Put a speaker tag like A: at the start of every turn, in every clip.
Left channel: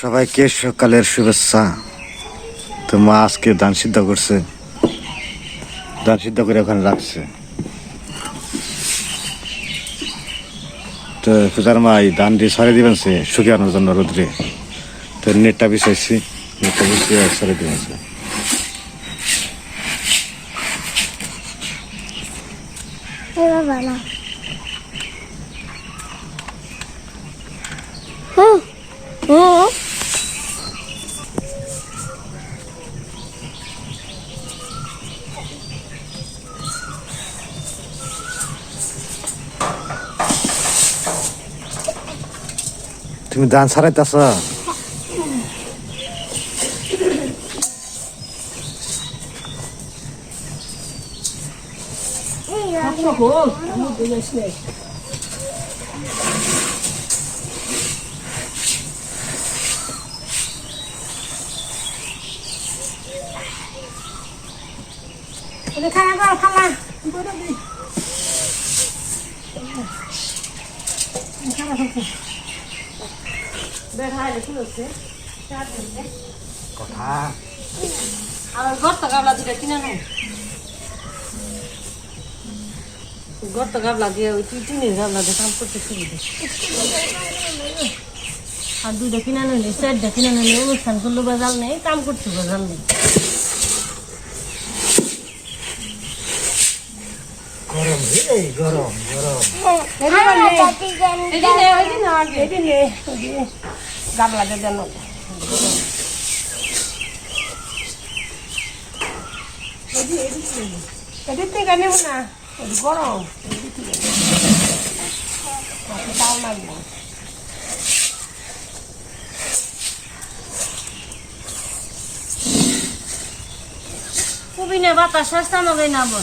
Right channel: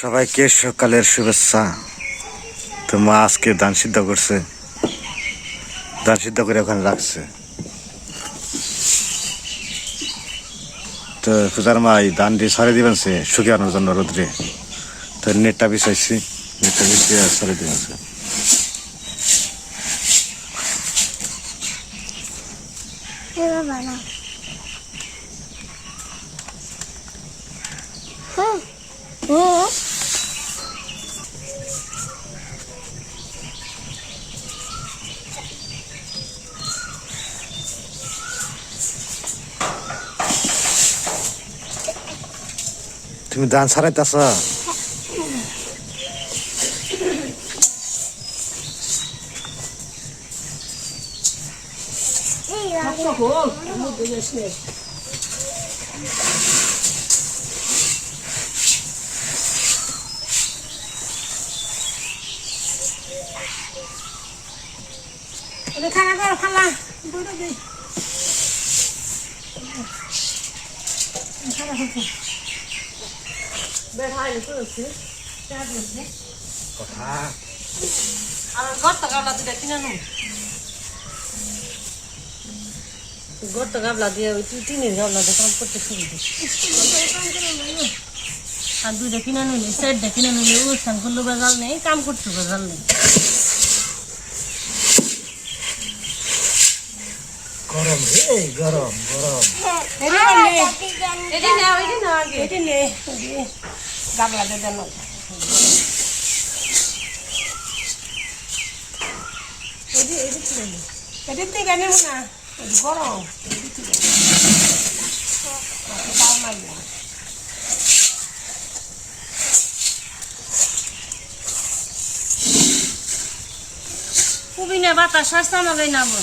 A: সবাইকে সকালের শুভেচ্ছা। তো মা আজকে ধান সিদ্ধ করছে। ধান সিদ্ধ করে ওখানে রাখছে। তো পূজার মা, এই ধানটি সরে দিবেন সে শুকিয়ানোর জন্য রোদ্রে। তো নেটটা বিছাইছি, নেটটা বিষয়ে সরে দিবেন সে। তুমি ধান
B: খানা করো খালা।
A: কথা।
B: গর্ত গাবলা দিয়ে ওই তুই টিনের গাবলা দিয়ে কাম করতে শুরু আর দুইটা কিনে নিলে চারটা কিনে নিলে অনুষ্ঠান করলে বেজাল নেই কাম করতে বেজাল নেই
A: গরম রে গরম গরম।
B: এটি নে এটি না আগে। এটি নে। গাবলা দিয়ে দেন এটি থেকে নেব না। বড়। এটি থেকে দাও লাগবে খুবই না বাতাস আসছে আমাকে নামো।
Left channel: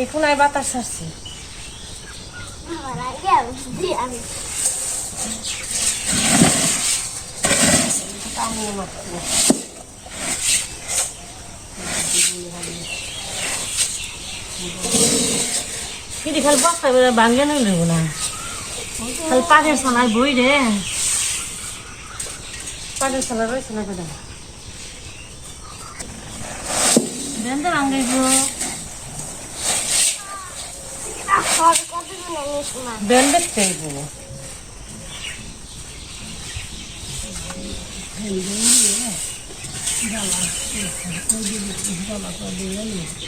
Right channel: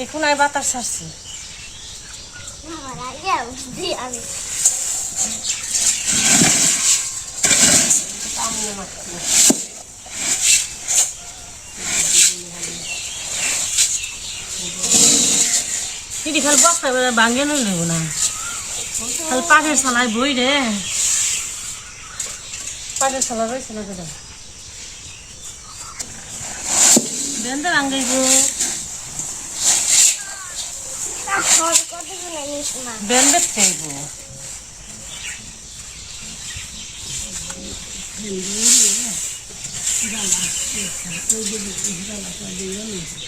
B: এই কোনায় বাতাস আসছে। কিন্তু খালি বস্তা করে ভাঙে নই লইব না। খালি পাখের সোনায় বই রে। পাখের সোনা রয়েছে না কোথায়? বেন্দা ভাঙাইব
C: সব কত গুলো নিস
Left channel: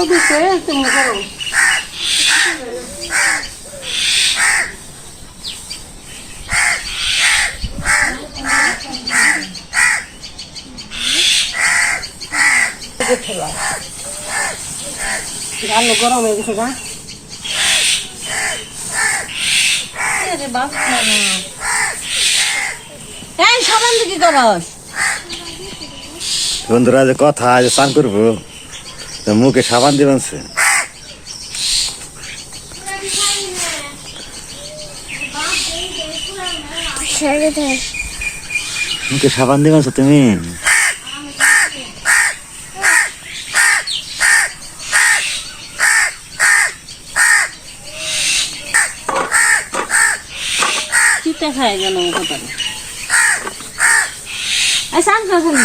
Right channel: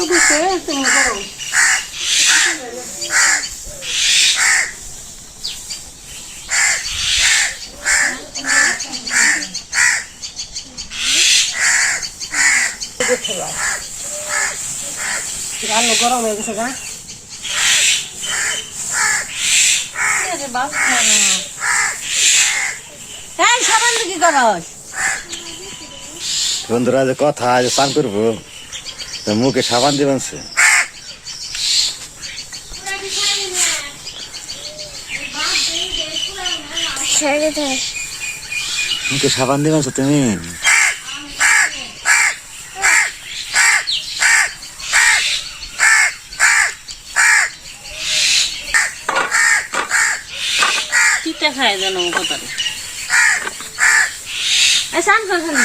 B: সব দিচ্ছে তেমন করো গালো গরম হয়ে গেছে গা এই সাবান দিকে করস?
A: বন্ধুরা যে কথা আজ স্নান করব মুখে সাবান দিবেন সে মুখে সাবান দিবেন তুমি?
B: চিটা খায় যেন কথা এই সান খালি।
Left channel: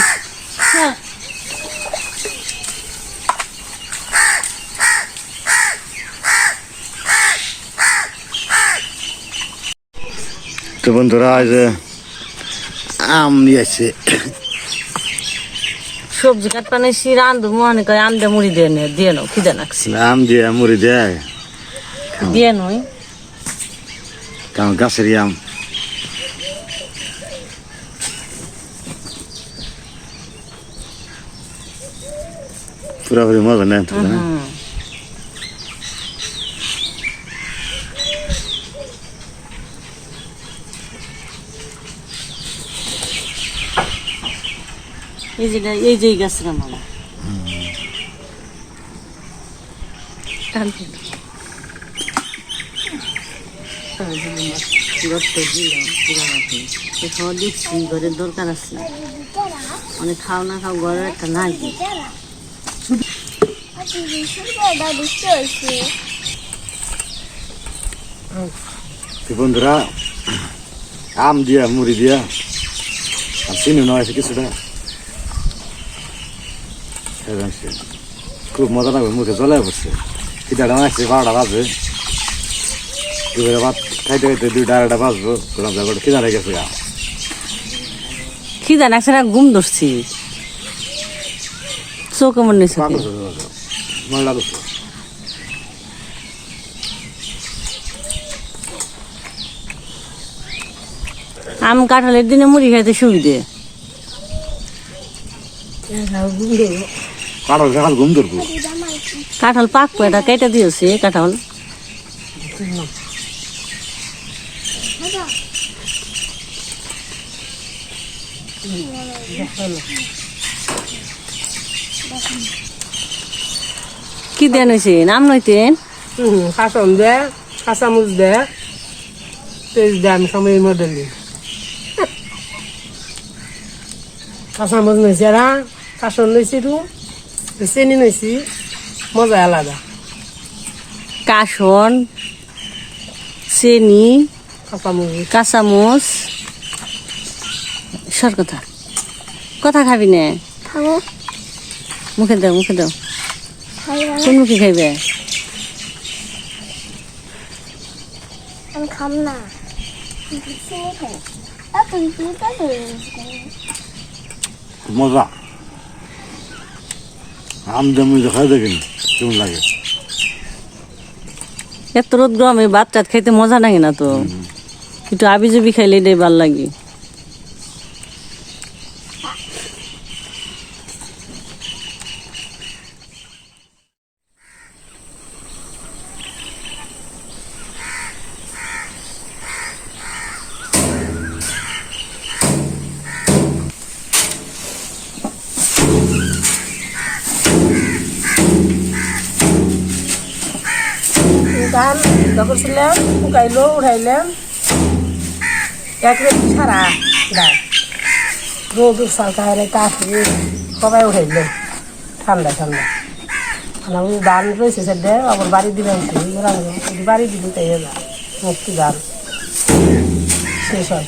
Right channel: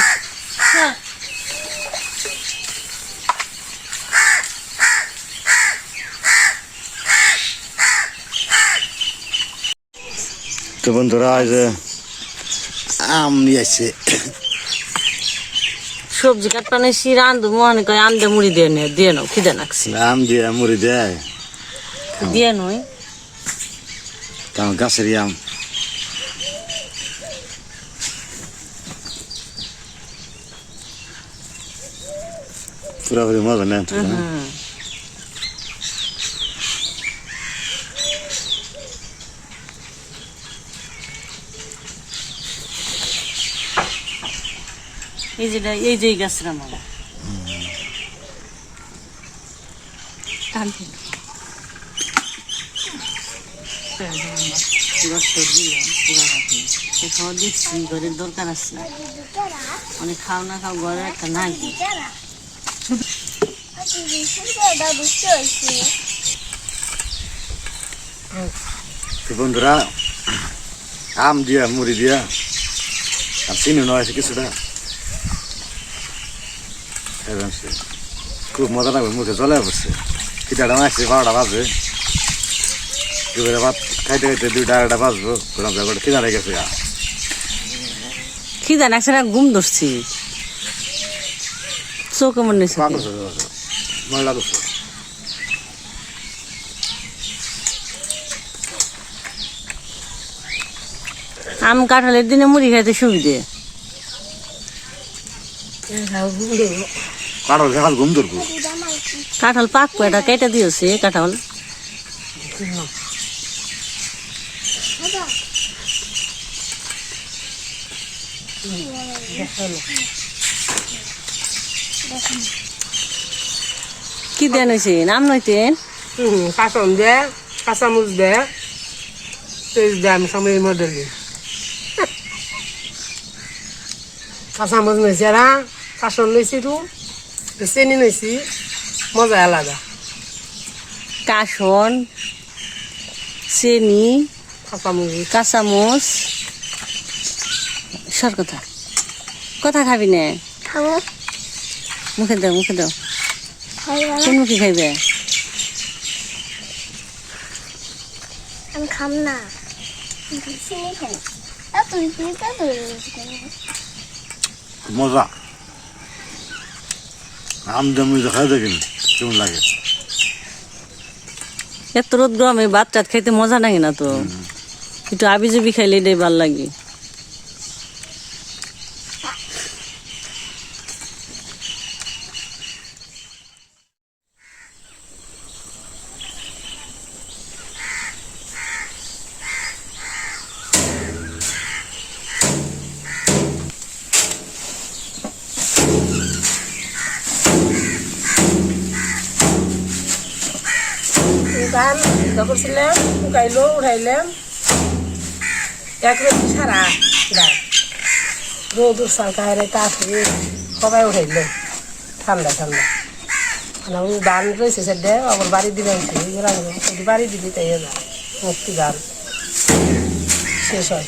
B: হ্যাঁ।
A: তো বন্ধুরা এই যে আম নিয়ে আসছে
B: সবজি কাটপা নেই শিরা আনদু মনে কয় আমদে মুড়ি দিয়ে নে দিয়ে নো খিদে লাগছে।
A: আম দিয়ে মুড়ি দেয়
B: দিয়ে নয়
A: কারণ গাছের আম। পুরাপুরি মজা নেন তো না?
B: এই যেটা এই যে গাছটা মালা খাওয়া দিচ্ছি ঘরের দরকার আছে মানে খাও না খাও ঘরে একটা না
A: বন্ধুরা আম দিয়া মুড়ি দিয়া আর চিনি নয় কিছুটা। খুব মজা লাগবে মুখে জলে পড়ছে। খিদাটা আসছে বারোটা বাজে দুপুরে ভাত খাইতে খাইতে দুইটা আড়াইটা বাজবো। বললাম যে একবার খিদা লেগেছে গা।
B: খিদা নাকছে না ঘুম ধরছি। চোখ কেমন নিছে
A: পাগল ময়লা করছ
B: আম কাঁঠালের দিনে মুড়ি খাইতে সুবিধে।
A: কারও সকাল ঘুম ধরবো।
B: কাঁঠাল পাকবো এটা কেটে দিয়েছে কাঁঠাল? কি দেন হয়েছে নাম নইতেন
D: কাঁচন দে কাঁচামুচ দে তেজ দে আমি সময়ের মধ্যে দিই। কাঁচামুচ নইছে রা কাঁচন লইছি তো চেনি নইছি মজা আলাদা
B: কাসন চেনি
D: কাঁচামুচ
B: কাঁচামচ সর কথা। কথা খাবি না। মুখে দাও মুখে দাও। কোন মুখে খাইবে?
C: আমি খাম না।
A: মজা। আম খাই দেখিনি কেমন লাগে?
B: এত রোদ গরমে ভাত টাত খাইতে মজা লাগে না তো। একটু আবি জুবি খাইলে এটাই ভালো লাগে।
D: ধান যখন ছিলাম শুকাইলো উঠাইলাম এক রেট ছাড়া ডাল রোদ উৎসাল খাইলে কাঠি সবাই উঠাইলো ঠান্ডা ঠান্ডা আমি ধান রয়েছে সেটা, আবার বাড়ি দিলাম বাড়ি দিবি তাই হলো, মুক্তি ধান শেষ হয়।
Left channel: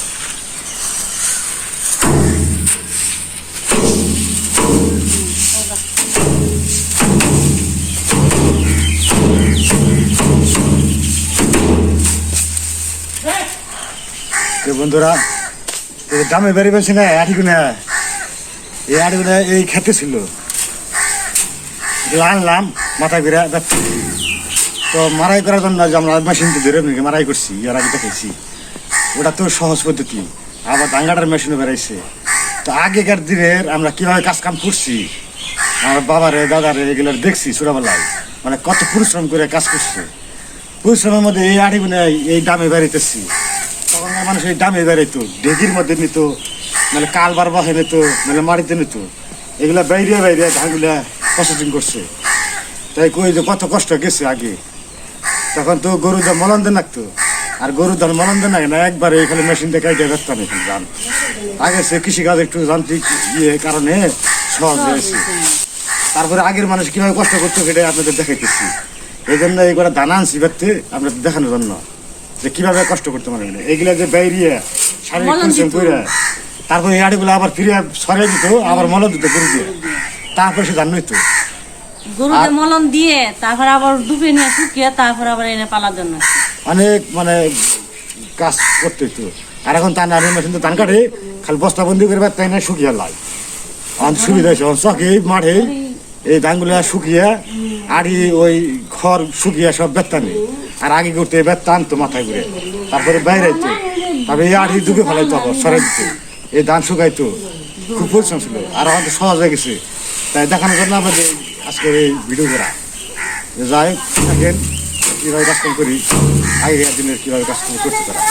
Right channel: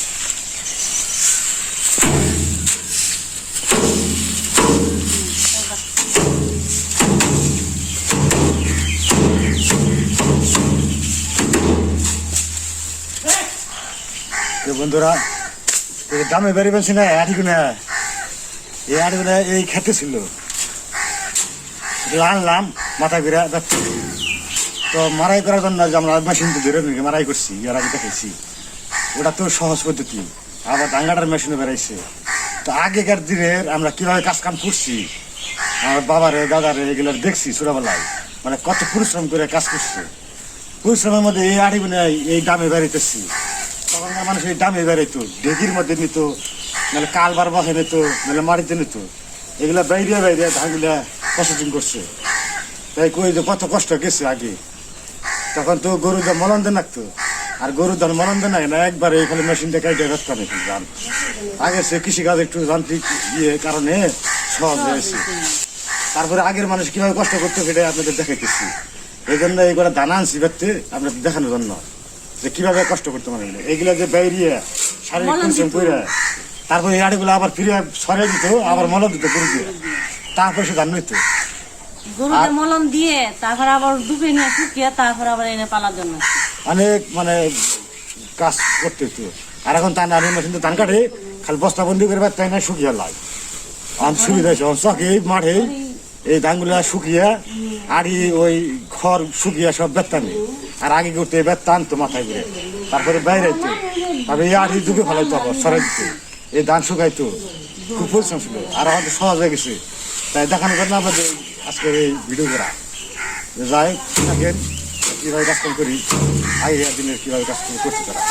A: বন্ধুরা দামে বেড়ে পেয়েছি না আটিগুনা এই আটিগুনা এই খেতে ছিল। আনলাম মাথা ঘুরে যাচ্ছি। তো মারাই করার জন্য যে আমরা মেশিন তো ধরে মারাই করছি, এর আগে দেখেছি। ওটা তো সহজ পদ্ধতি। আবার ডাঙ্গাটার মেশিনও বেড়াইছে। তো আগেকার দিনের আমরা কীভাবে কাজ কাম করছি, আমার বাবারে, দাদারে এগুলো দেখছি ছোটবেলায়। মানে কত পরিশ্রম করে কাজ করছে। পরিশ্রমের মধ্যে এই আড়িগুলো এই দামে বেড়াইতেছি। তখনকার মানুষ এই দামে বেড়াইতো ঢেকির মধ্যে নিত মানে কালবার বাসে নিত মানে মাটিতে নিত। এগুলা বাইরে বাইরে ধানগুলা প্রসেসিং করছে। তাই কই যে কত কষ্ট গেছে আগে। তখন তো গরু যা মলন দেন লাগতো আর গরু ধান মলন দেন না, একবারে এখানে মেশিন দিয়ে কাইটে ব্যস্তাম এখানে ধান। আগে সে কৃষিকাজ একটু যান্ত্রিক ইয়ে কারণে সহজ হয়েছে তারপরে আগের মানুষ কীভাবে কষ্ট করতো সেটাই আপনাদের দেখাইতেছি। এই জন্য এইগুলো দানা আনছি ব্যক্তি আপনাদের দেখানোর জন্য। যে কীভাবে কষ্ট করতে পারে এইগুলা যে বাইরিয়ে শারীরিক পরিশ্রম। করে তারপরে এই আড়িগুলো আবার ফিরে সরে দিত আবার মল দিত গরু দিয়ে। তারপরে সে ধান নিত
B: গরুকে মলম দিয়ে তারপর আবার ডুবে নিয়ে শুকিয়ে তারপর আবার এনে পালার জন্য।
A: অনেক মানে কাজ করতে হতো আর এখন তা নারী মেশিন তো ধান কাটে খালি বস্তা বন্দি করে তাই না শুকিয়ে লাই। অনেক সুবিধা হয়েছে। চকে মাঠে এই ধানগুলো শুকিয়ে আড়ি ওই খড় শুকিয়ে সব বেত্তানি আর আগে করতে বেত্তা আনতো মাথায় করে তারপরে বাইরে তারপরে এই আড়ি ডুবে ফেলাইতো আবার সরাই দিত এই ধান শুকাইতো খুব পরিশ্রম ছিল। আর আমাদের সহজ হয়ে গেছে। তাই দেখানোর জন্য আমাদের আজকে এই ভিডিও করা। যাই থাকেন, কীভাবে কাজকাম করি। আগেকার দিনের কীভাবে কাজকাম করতে তারা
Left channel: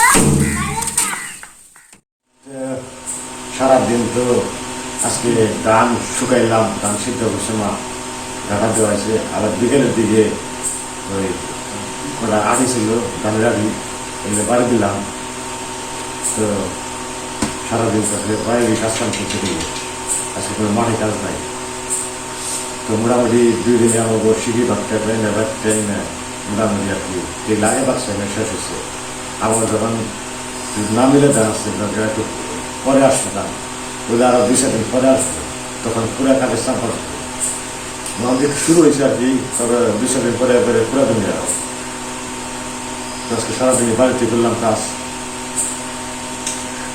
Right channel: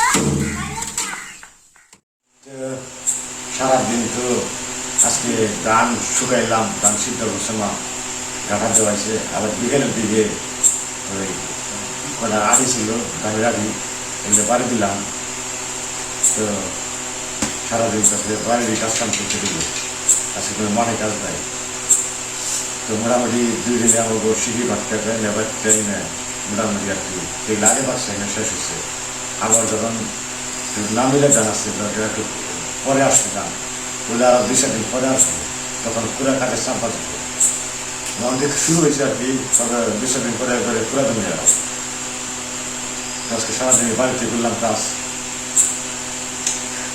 A: সারাদিন তো আজকে ধান শুকাইলাম, ধান সিদ্ধ মা ঢাকা দেওয়া আছে আবার বিকেলের দিকে ওই কটা আগে ছিল ধানের আগে এগুলো বাড়ি দিলাম তো সারাদিন তারপরে বাইরে কাজ কাম করতে দিল আজকে কোনো মাঠে কাজ নাই তো মোটামুটি দুই দিনে আমাকে সিঁড়ি ভাতটা ট্রেনে ভাত ট্রেনে মোটামুটি আর কি এই লাগে বাচ্চা শেষ হচ্ছে আবার যখন না মিলে দেওয়া আসছে একটু পরে আসছে দাম ওগুলো আরও দুই সেকেন্ড পরে আসবে তখন পুরা কাজের চাপা দিত আমাদের শুরু হয়েছে আর কি তবে দুই সেকেন্ড পরে এবারে পুরা দিন যাওয়া আজকে সারাদিন বাড়িতে করলাম কাজ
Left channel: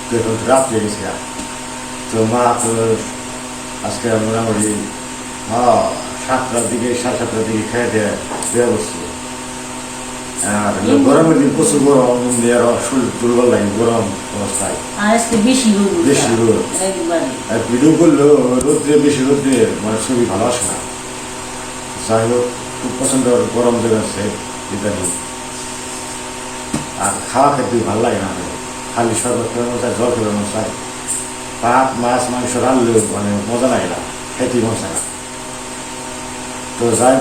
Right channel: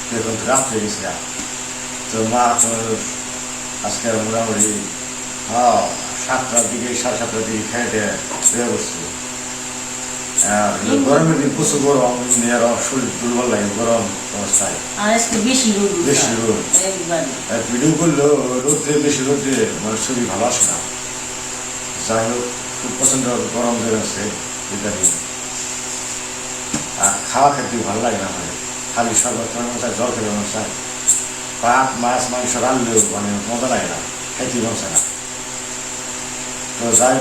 A: তো এখন রাত হয়ে গেছে তো মা তো আজকে মোটামুটি হ্যাঁ সাতটার দিকে সাড়ে সাতটার দিকে খেয়ে শুয়ে বসছিল আর গরমের দিন প্রচুর গরম আর শরীর দুর্বল লাগে গরম অবস্থায়
B: বেশি রোদ।
A: আর ভিডিও করলেও রোদ্রে বেশি রোদ্রে মানে শরীর ভালো আসে না যাই হোক খুব পছন্দ গরম দিন আছে ইদানিং আর খাওয়া খেতে ভালো লাগে না। খালি শরবত চায় জল করে মন চায় ভাত মাছ মাংস রান্নলে মানে মজা লাগে না খেতে মন না। তো যাই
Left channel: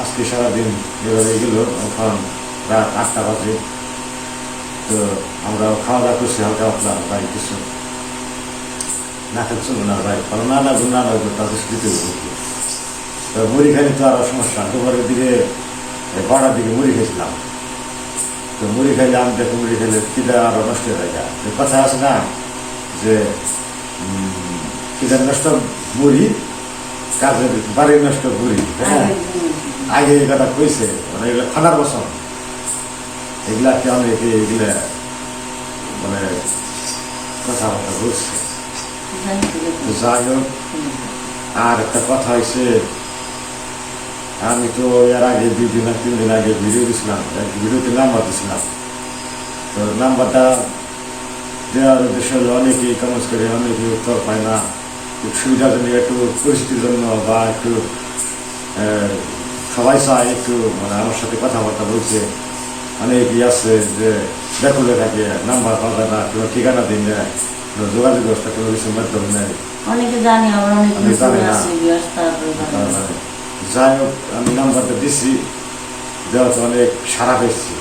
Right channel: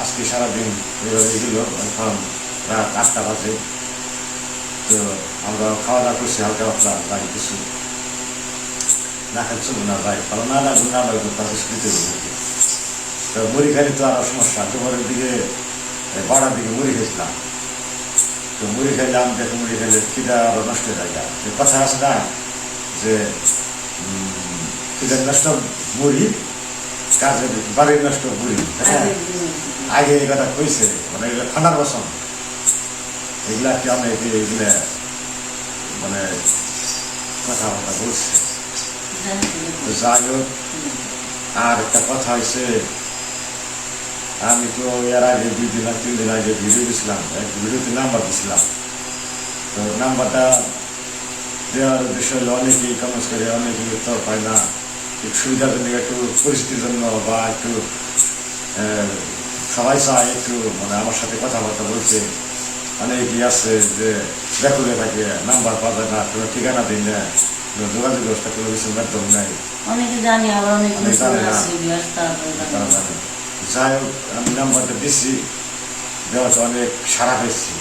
A: আজকে সারাদিন এভাবে গেল এখন রাত আটটা বাজে। তো আমরা খাওয়া দাওয়া করছি হালকা পাতলা বাড়ি কিছু না খাচ্ছিল না যাই কারণ না না না না তাদের দিতে তো মুড়ি খাইলে তো আরও সমস্যা। দুপুরের দিকে এ, বাড়ার দিকে মুড়ি খেয়েছিলাম। তো মুড়ি খাইলে আমি দেখে মুড়ি খাইলে খিদা আরও নষ্ট হয়ে যায় কথা আছে না যে খিদা নষ্ট মুড়ি কাজে বাড়ি নষ্ট মুড়ি। আগে এই কথা কইছে মানে এগুলো খানার বসন এগুলা কি অনেকে এগুলা মানে কথাবার্তা বলছে যাই হোক আর একটা কথা হয়েছে আমি তো এর আগে দুই দিন তিন দিন আগে ভিডিও দিছিলাম এক ভিডিওতে নাম্বার দিছিলাম। তো নাম্বারটা দেওয়ার বিষয়ে অনেকেই কমেন্ট করে অনেকেই উত্তর পায় না। একটু সুবিধার জন্য একটু পরিস্থিতির জন্য বা একটু সবাই চায় একটু মানে আমার সাথে কথাবার্তা বলছে অনেকেই আছে যে ব্যাকুলে থাকে নাম্বার পাওয়া যায় না কোনো ঠিকানা দিন না কোনো যোগাযোগ ব্যবস্থা কোনো কিছুর মাধ্যম। নেই
B: অনেকে জানি আবার অনেকে
A: জানে না। যাই হোক, আমি নাম্বারটা দিছি। দেওয়াতে অনেক সারা পেয়েছি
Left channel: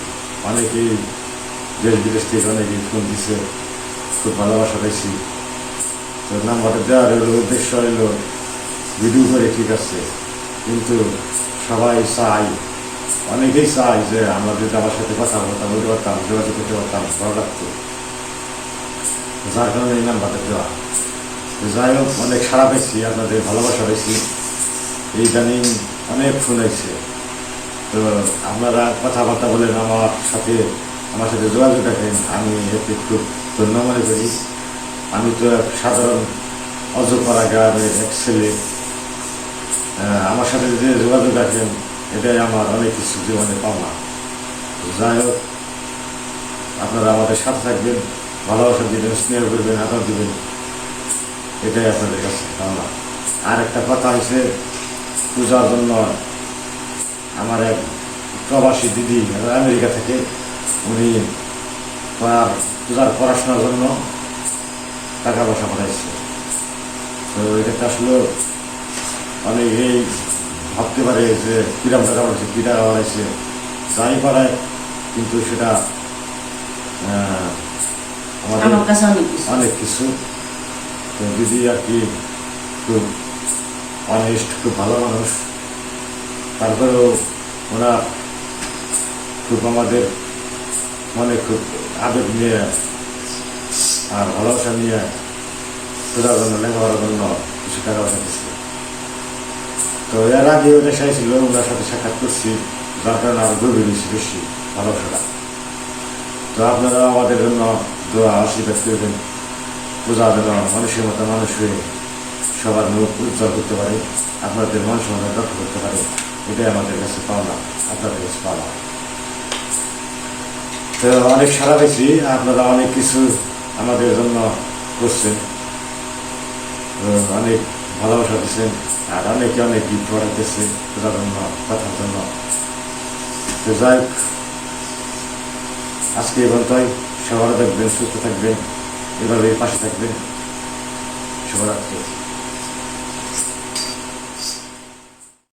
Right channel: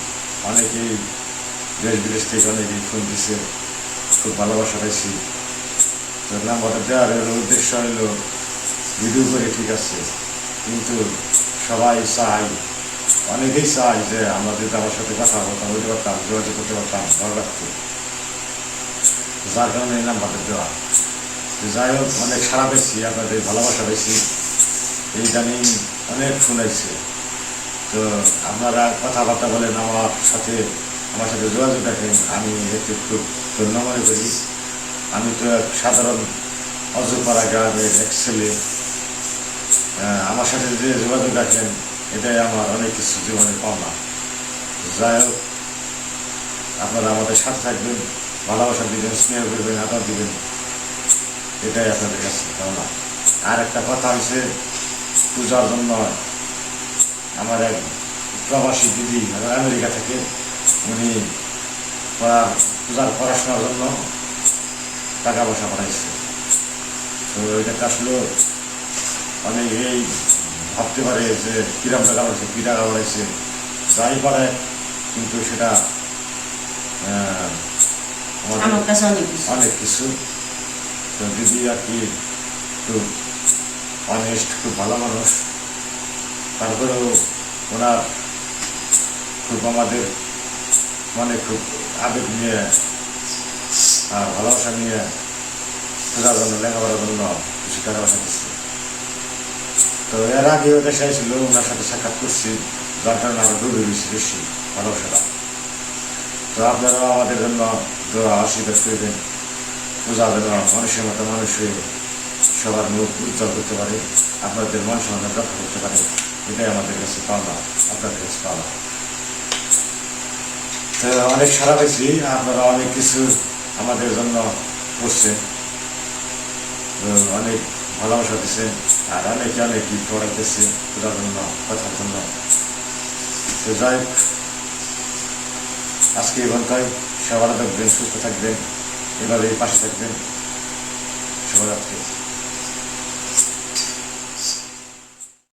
A: অনেকেই দেশ বিদেশ থেকে অনেকেই ফোন দিছে। খুব ভালোবাসা পেয়েছি তো নাম্বারটা দেওয়ার হলো, উদ্দেশ্য হলো ভিডিও করে ঠিক আছে। কিন্তু সবাই চাই অনেকেই চাই যে আমরা যদি আমার সাথে কথা বলতাম বলতে পারতাম যোগাযোগ করতে পারতাম, ভালো লাগতো। যার কারণে এই নাম্বারটা দেওয়া। যাই হোক, অনেক সারা পেয়েছি আপনাদের ভালোবাসা পেয়েছি ইদানিং অনেক শুনেছে। তো আপনারা কথাবার্তা বলেন, আমার সাথে আমার সাথে যোগাযোগ রাখেন। আমি এতে খুব ধন্য মনে করি। আমি তো এক সাধারণ অজপাড়া গ্রামের এক ছেলে। আমার সাথে যে যোগাযোগ রাখেন, এটাই আমার অনেক কিছু জীবনে পাওনা। যাই হোক, আপনারা আমাদের সাথে থাকবেন, ভালোবাসা দিবেন, স্নেহ করবেন, আদর দিবেন। এটাই আপনাদের কাছে পাওনা। আর একটা কথা হচ্ছে পূজার জন্য আমার এক প্রবাসী দিদি আমেরিকা থেকে উনি পড়ার পূজার পড়াশোনার জন্য টাকা পয়সা পাঠাইছে। তো এটা আসলে অনেক এই ভাবতে পারে যে কিরম টাকা পাঠাইছে কী টাকা পাঠাইছে যাই পাঠায় কিন্তু সেটা আহ, আমাদের
B: আমার কাছে অনেক কিছু।
A: দিদি আর কি অনেস্ট খুব ভালো মানুষ। তারপরেও ওনার খুব আমাদের মনে খুব আবেগ নিয়ে আর ভালোবাসা নিয়ে খোঁজার জন্য লেখাপড়ার জন্য কিছু টাকা পয়সা তো এর আগে ওটা চাইছিল ওনার সাথে সাক্ষাৎ করছি, যার কারণে আরও গভীর বেশি বেশি ভালোবাসাটা। তো আপনারা আমাদের জন্য দোয়া আশীর্বাদ করবেন পূজা যেন মানুষের মতো মানুষ হয়ে সবার মুখ উজ্জ্বল করতে পারে, আপনাদের মন সম্মান রক্ষা করতে পারে। এটাই আমাদের কাছে পাওনা, আপনাদের কাছে পাওনা। তো অনেক সারা পেয়েছি, আপনারা অনেক কিছু আমাদের জন্য করছেন অনেক ভালোবাসা দিচ্ছেন, আর অনেকে অনেক গীত পড়াইতেছে পূজার জন্য, কথার জন্য। তো যাই আজকে এবং তাই সবার দেখবেন সুস্থ থাকবেন এভাবে পাশে থাকবেন। শুভরাত্রি।